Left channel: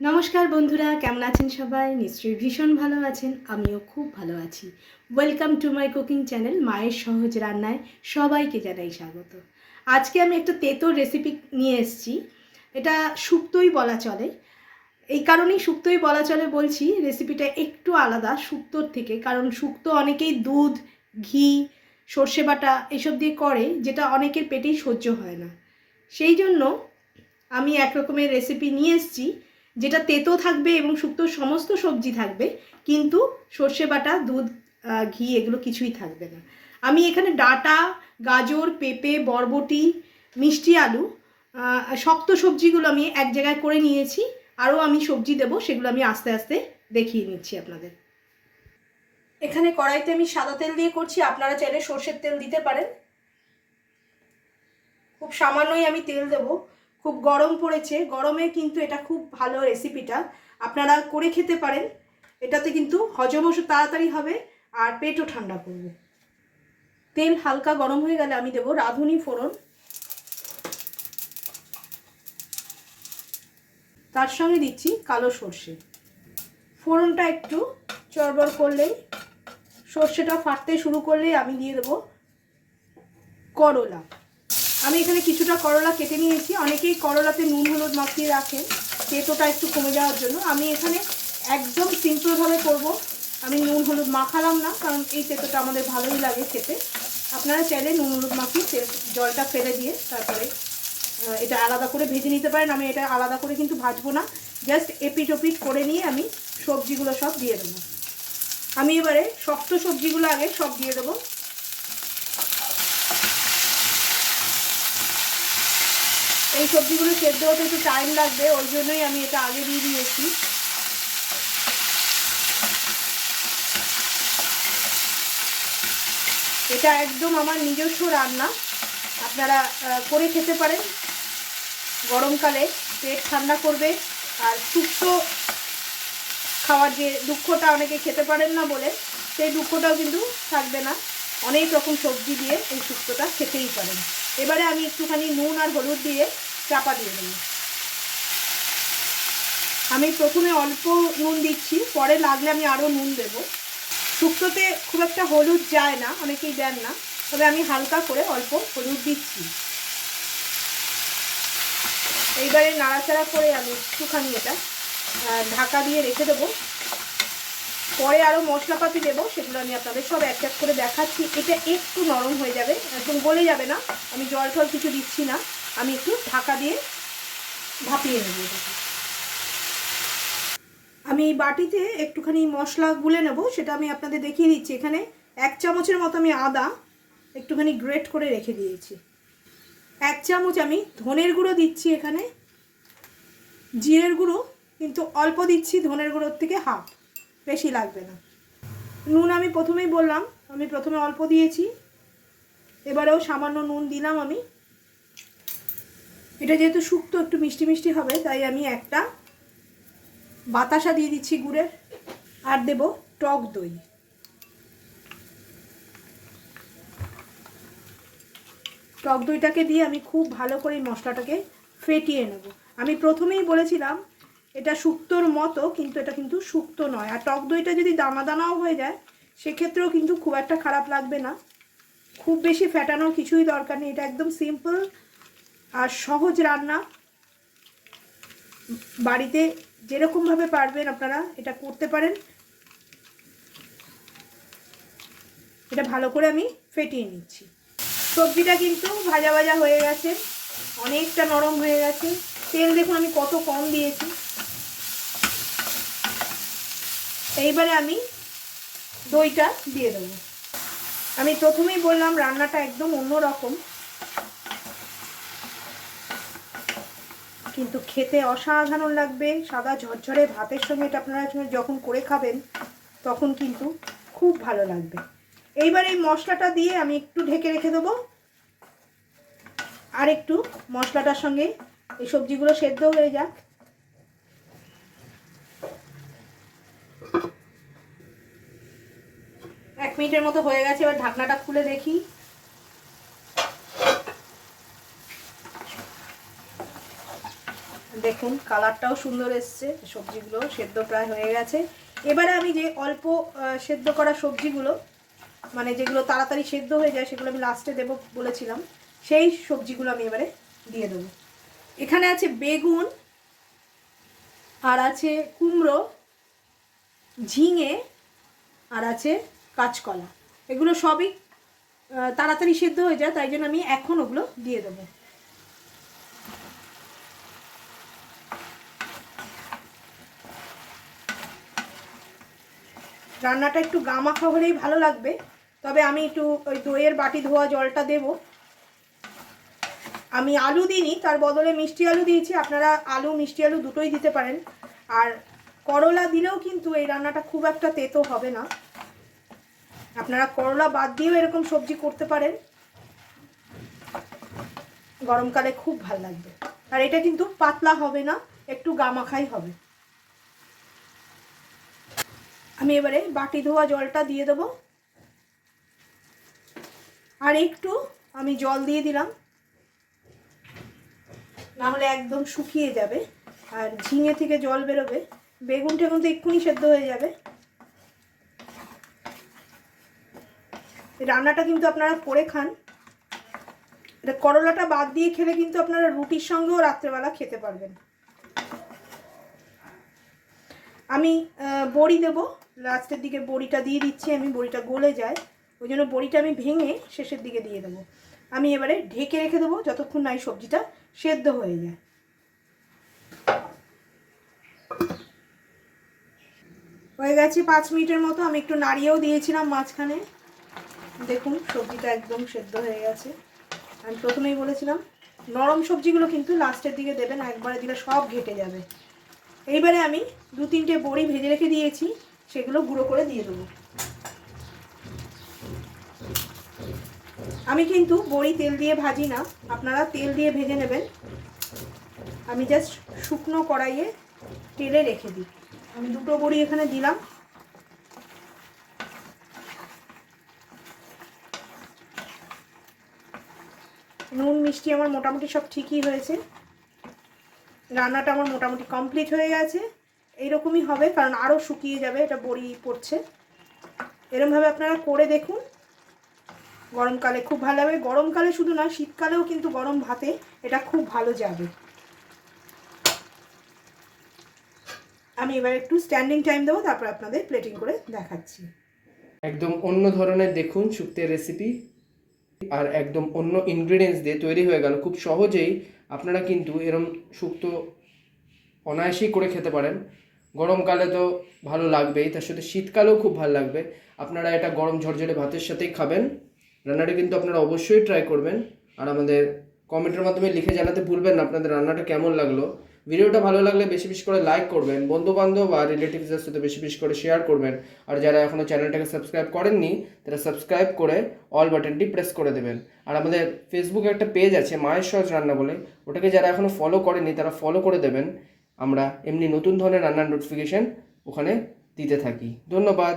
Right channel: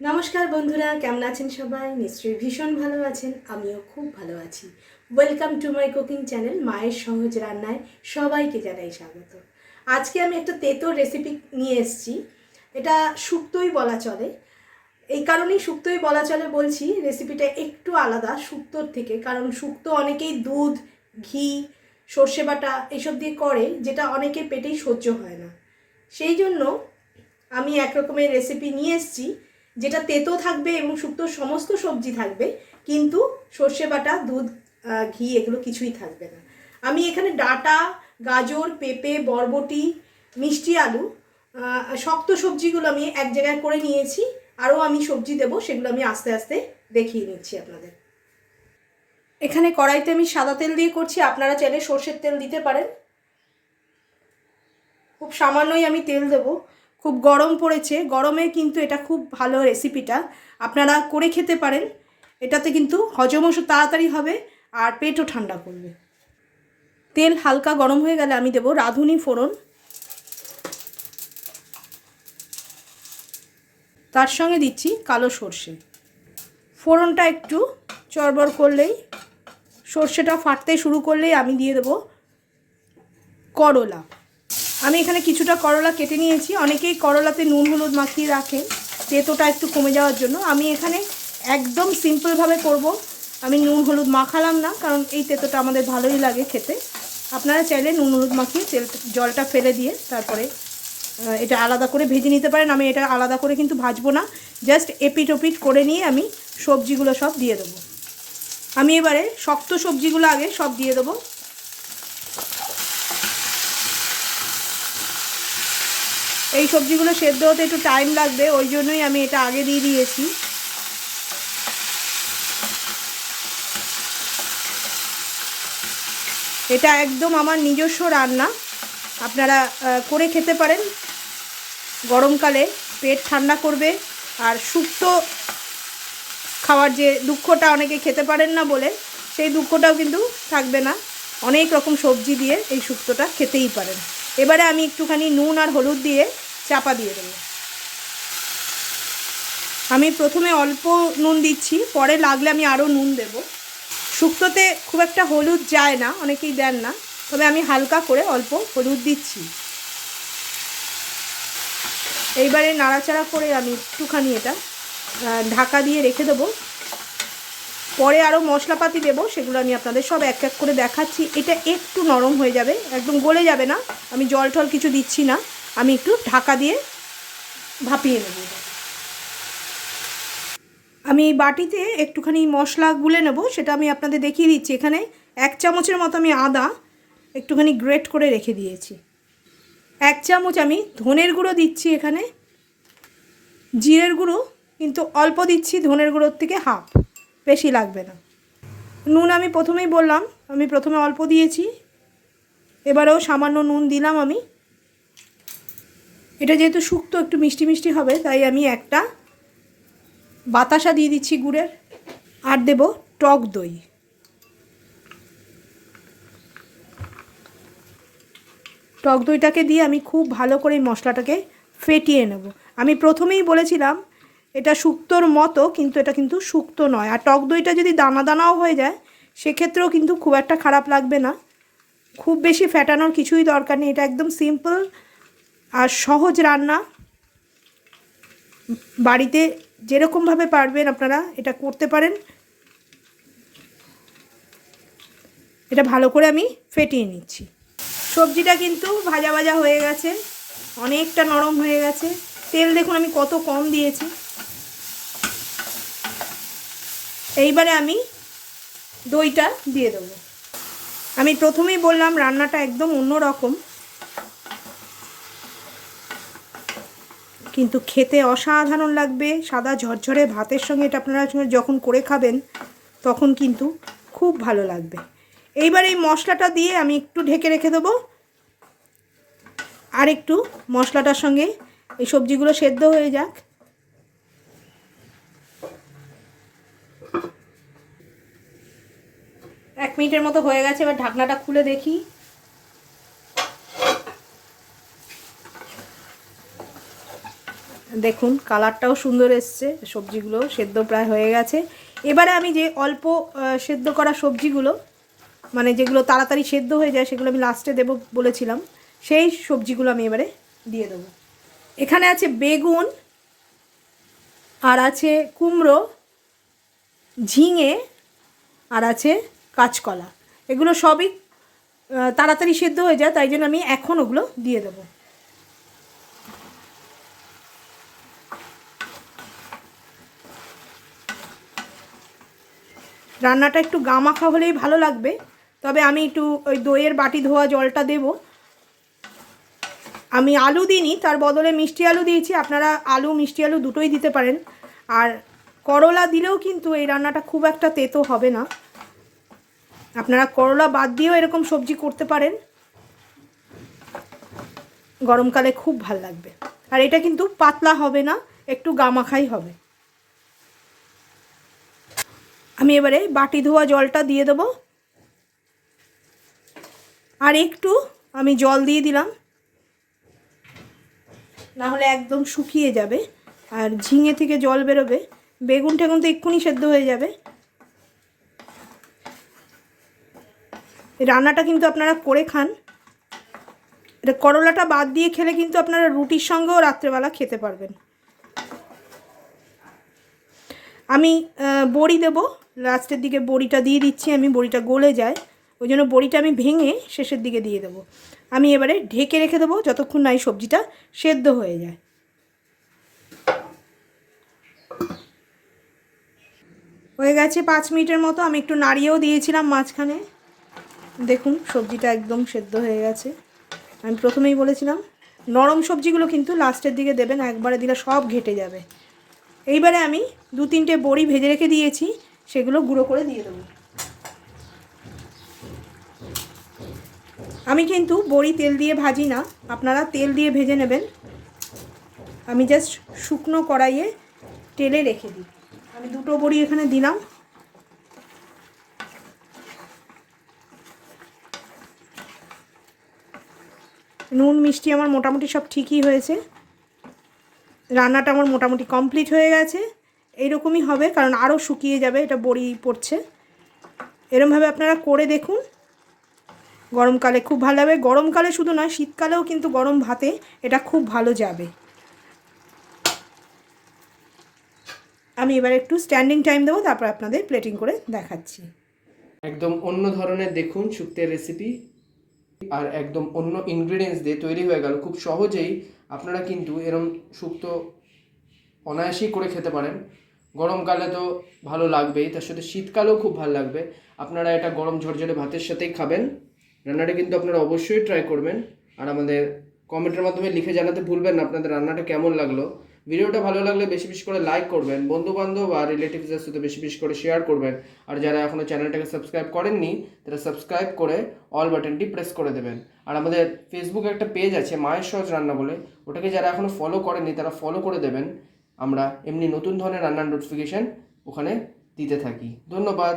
নমস্কার বন্ধুরা, কেমন আছেন সবাই? নিশ্চয়ই ভীষণ ভালো আছেন। আমিও খুব ভালো আছি। Welcome to my cooking channel মায়ের সহজ রান্নায় সবাইকে জানাই স্বাগত। আজকে আমি একটা তেঁতোর রেসিপি নিয়ে এসেছি। এটা শুক্তোই বলা চলে। এই কারণেই শুক্তোই বলা চলে বলছি, রেসিপিটা একটু আলাদা শুক্তোর থেকে। কারণ শুক্তো অনেকেই দুধ, ঘি, সর্ষে বাটা এসব দিয়ে করে, যেটা অনেকের পেটেই সহ্য হয় না। সেই জন্য আমি এক রকমের রেসিপি নিয়ে এসেছি, যেটা তেতো থাকবে এবং শুক্তোর সমস্ত সবজি থাকবে, কিন্তু সর্ষে বাটা, দুধ, ঘি এগুলো কিছুই থাকবে না। আমি এখানে ডাঁটা, গাজর, পেঁপে, বরবটি, মিষ্টি আলু, শক্ত সবজিগুলো আমি এক জায়গায় করে নিয়েছি। আরও আমি সবজি দেবো, সেগুলো আমি আস্তে আস্তে দেখিয়ে নিচ্ছি আপনাদের। এখানে কড়াইতে আমি সাদা তেল দিয়ে করছি, আপনারা চাইলে সর্ষের তেল দিতে পারেন। খুব সামান্যই আমি তেল দেবো। খুব গরম পড়েছে, গরমে কিন্তু এটা খুব ভালো রেসিপিটা, আপনারা করে খেতে পারেন। এটাতে কিন্তু হজমও তাড়াতাড়ি হবে আর পেটও ঠান্ডা করবে। তেল হালকা গরম হয়ে গেলে আমি দেবো রাঁধুনি ফোড়ন, তার সঙ্গে দিচ্ছি কালো সর্ষে। ফোড়নটা একটু চড়বড় করলেই, সর্ষেটা ফাটতে শুরু করলেই আমি দিয়ে দেবো করলা। আমি এখানে কিছুটা করলা কেটে নিয়েছি। অনেকেই করলাতে নুন হলুদ মাখিয়ে রাখেন তেঁতোটা একটু কমে যাওয়ার জন্য। আমি এখানে একদম সিম্পলভাবে করব। আমি নুন হলুদ মাখালাম না, কারণ এই তেঁতোটা আমাদের ভালোই লাগে খেতে। আপনারা চাইলে নুন হলুদ মাখিয়ে জলটা ফেলে দিয়ে তারপরে এটা আলাদা করে ভেজে নিতে পারেন। আমি এটা আলাদা করে কিন্তু ভাজবো না, জাস্ট এপিট ওপিট করে নিয়ে আমি সবজিগুলো সব দিয়ে দেবো। আমি এবারে শক্ত সবজিগুলো আগে সব দিয়ে দেবো। এই সবজিগুলো সেদ্ধ হতে একটু টাইম লাগবে, ওই জন্যই আমি এটা আগে দিয়ে দিয়েছি। এটা একদম আমার নিজস্ব রান্না, আপনারা করে খেতে পারেন। গরমকালে পেট ঠান্ডা করবে, আর শুক্তো খাওয়ার যে দুঃখটা, অনেকে খেতে পারেন না বলে, সেই দুঃখটাও কিন্তু থাকবে না। অনেক রকম সবজি দিয়ে এই শুক্তোটা খেতেই পারেন। এবারে আমি একটুখানি নুন আর হলুদ দিয়ে চাপা দিয়ে দেবো। আমি প্রথমে অল্প নুন দিচ্ছি, পরে লাগলে আমি আরও নুন দেব। শুক্তোতে খুব একটা হলুদ যায় না, অনেকেই দেন না, তবে আমি হালকা করে অল্প হলুদ দিচ্ছি। এইবারে নাড়াচাড়া করে আমি একটুখানি এটা ঢাকা দিয়ে রেখে দেবো। পরে আরও মশলাপাতি দেবো, সেগুলো আমি আপনাদের সব এক এক করে দেখাচ্ছি। এটা একটু নরম হয়ে যাবে, একদম গলে যাবে না। আমি জল টল কিছু দিচ্ছি না, আমি একটু ঢাকা দিয়ে ভাপিয়ে নেব। আমি এই বাটিতে একটুখানি মশলা গুলে নেব, সেটা আমি আপনাদের দেখিয়ে দিচ্ছি। এখানে 1 চামচের মতো আমি আদা একটুখানি গ্রেট করে রেখে দিয়েছি। 1 চামচ আমি ধনের গুঁড়ো দিচ্ছি এখানে। জিরের গুঁড়ো কিন্তু অল্প দিচ্ছি, ধনের গুঁড়োর থেকে হাফ, বেশি লাগবে না। নুন আমি প্রথমেই বললাম, আমি প্রথমে অল্প দিয়েছি, এবারেও সামান্য নুন দিলাম আমি। এটা যেহেতু শুক্তো একটু মিষ্টি মিষ্টি হবে, তাই আমি একটা বাতাসা দিয়ে দিচ্ছি গুড়ের। আর দেব টক দই। টক দইটাকে দিয়ে আমি খুব ভালো করে মশলাটাকে ফেটিয়ে নেব। আমি প্রথমেই বলেছিলাম এটা শুক্তোর মতো, কিন্তু এটা কিন্তু শুক্তো নয়। আর টক দইটা যদি দানা দানাও হয়ে যায়, সেক্ষেত্রেও কিন্তু খুব একটা খারাপ লাগবে না। খুব বেশি ফেটানোর কিছুই দরকার নেই, এটা একদম সিম্পল আর সহজ রান্না। বাড়িতে যেরকমভাবে পারবেন আপনারা এটা করতে পারেন। এটা ভালো করে আমি ফেটিয়ে নিচ্ছি। সবজিটা কিন্তু ভাজা ভাজা হয়ে গেছে, অনেকটা নরম হয়ে গেছে। তেল দেখুন আমি কত কম দিয়েছি। এইবারে আমি দইটা দিয়ে দেবো। আমি প্রথমেই বললাম রান্নাটা একদম অন্য রকম, কিন্তু খেতে অসাধারণ লাগবে। সাদা ঝরঝরে ভাতের সঙ্গে এটা আপনারা যখন করে খাবেন, তখন কিন্তু খুব ভালো লাগবে। এইবার এই মশলাটা দিয়ে আমি একটু ঢেকে রেখে দেবো, আর একটু মশলাটার সঙ্গে এই সবজিগুলো সেদ্ধ হয়ে যাক। 1 মিনিটের মতো হয়ে গেছে, এবার ঢাকনাটা খুলে দেখি। দেখুন কালারটাও সুন্দর এসছে, সবজিগুলো সেদ্ধ প্রায় হয়ে গেছে। এবারে আমি যে অল্প সেদ্ধ করা সবজিগুলো, মানে যেগুলো তাড়াতাড়ি সেদ্ধ হয়ে যায়, সেগুলো আমি লাস্টে দেবো বলেছিলাম, সেই সবজিগুলো আমি এবারে দিয়ে দেবো। এখানে আছে বেগুন, আর আছে কুমড়ো, ঝিঙে, আর আছে কাঁচকলা। এগুলো সবই তাড়াতাড়ি সেদ্ধ হয়ে যায়, তাই জন্য আমি এখন ওগুলো দিয়ে দেবো। রান্নাটা একটু গামাখা হলেই ভালো লাগবে, তবে আমি একটু ওই দইয়ের বাটি ধোয়া জলটা দেব। আমি আলু দিইনি, তার বদলে মিষ্টি আলু দিয়েছি। আপনারা আলু মিষ্টি আলু দুটোই দিতে পারেন। আর করলা দিলেও কিন্তু এই রান্নাটা খুব একটা তেতো হবে না। আপনারা করলা বাদ দিয়েও এরকম সবজি করতে পারেন, গরমকালে খুব ভালো লাগবে। আর এটা কিন্তু পাতলা হবে না, একটু গামাখাই হবে। আমি এবারে বাটি ধোয়া জলটা দিয়ে দেবো, আর একটু আমি জল দিয়ে দিলাম, না হলে একদম শুকিয়ে যাবে আর ঝিঙে থেকে জল বেরোবে। বেগুন টেগুন তো এক্ষুনি সেদ্ধ হয়ে যাবে। রান্নাটা কিন্তু আপনারা করে খান। এটা করলাটা বাদ দিয়ে খেলে কিন্তু আপনারা রুটির সঙ্গেও রাত্রেবেলা খেতে পারবেন। আমি বড়ি দেবো লাস্টের দিকে, বড়িটা দিয়ে দিচ্ছি আমি, বড়িটা গলে যায়, ওই জন্য বড়িটা আমি ভেঙে শেষের দিকে দিয়ে দেবো। আমি এবারে ঢেকে রেখে দেবো যতক্ষণ না এই সবজিটা সেদ্ধ হয়ে যায়। হয়ে গেছে 5 মিনিটের মতো। আমি একটু নাড়িয়েও দিয়েছিলাম মাঝখানে। দেখুন সবজিটা একদম সেদ্ধ হয়ে গেছে। আমি প্রথমেই বলেছিলাম নরম সবজিগুলো কিন্তু লাস্টের দিকে দেবেন, একবারে দিলে সব ঘেটে যাবে। এইবারে আমি 2-3টে বড়ি ভেজে রেখে দিয়েছি, সেগুলো গুঁড়ো করে দিয়ে দেবো। আমি কিন্তু বড়ি তেল দিয়ে ভাজি না, আপনারা তেল দিয়ে ভেজে নেবেন। আমি জাস্ট শুকনো কড়াইয়ে তেলে রেখে দিই। আমি 2টো বড়ি এখানে দিলাম। নুন মিষ্টি আমার মোটামুটি সব ঠিকই হয়েছে। রান্নাটা আমার মোটামুটি কমপ্লিট হয়ে গেছে। এইরকমই হবে, কারণ আরও শুকিয়ে যাবে, এটা বড়ি পড়ছে। এরকমভাবে আপনারা করে দেখুন, গরমকালে খুব ভালো হবে। গরমকালে শুধু নয়, শীতকালেও কিন্তু গরম ভাতে এটা খুব ভালো যাবে। আমি এবার একটু স্ট্যান্ডিং টাইম দেবো, তারপর আপনাদের প্লেটিং করে দেখাচ্ছি। একদম অন্য ধরনের দেখুন শুক্তের রেসিপি, আর একদম অন্য ইনগ্রিডিয়েন্টস দিয়ে তৈরি হয়ে গেল। খুব সহজেই আপনারা কিন্তু এরম শুক্তো অনায়াসেই করে খেতে পারেন। গরমকালে তো ভালো লাগবেই, তার সাথে শীতকালেও খুব ভালো লাগবে। আপনারা এটা গরম ঝরঝরে ভাতের সাথেই খাবেন। রান্নাটা কিন্তু আপনারা অবশ্যই ট্রাই করবেন, আর আমাদের কমেন্টের মাধ্যমে লিখে জানাতে ভুলবেন না আপনাদের রান্নাটা কেমন লাগলো। ভিডিওটা ভালো লাগলে বেশি বেশি করে লাইক করবেন, বন্ধুবান্ধব আর রিলেটিভসদের সাথে বেশি বেশি করে শেয়ার করবেন। আর যারা এখনও চ্যানেলটাকে সাবস্ক্রাইব করেননি, তারা সাবস্ক্রাইব করে অল বাটনটি প্রেস করে দেবেন। আর আমাদের ফেসবুকে একটা পেজ আছে মায়ের সহজ রান্না বলে, ওটাকে যারা এখনও ফলো করেননি তারা ফলো করে দেবেন। আমরা এমনি নতুন ধরনের রান্নার নোটিফিকেশান ওখানে দিতে থাকি। ধন্যবাদ।